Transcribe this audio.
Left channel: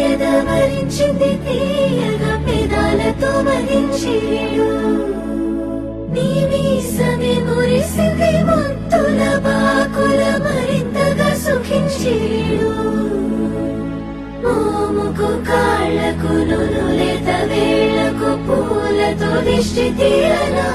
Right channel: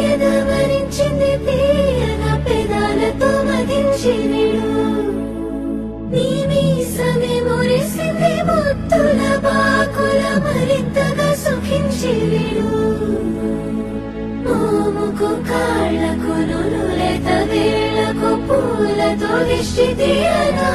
ఎదవరించింది తీయగా పెదాలతో మదించిరిడు నీ మీసమే మురిసింది ముత్తుల బాకుల మరింతగా సుఖించిరిడు మోముకు కాళ్లకు నునులేత వేళ్లకు పూలతో దిష్టి తీయరా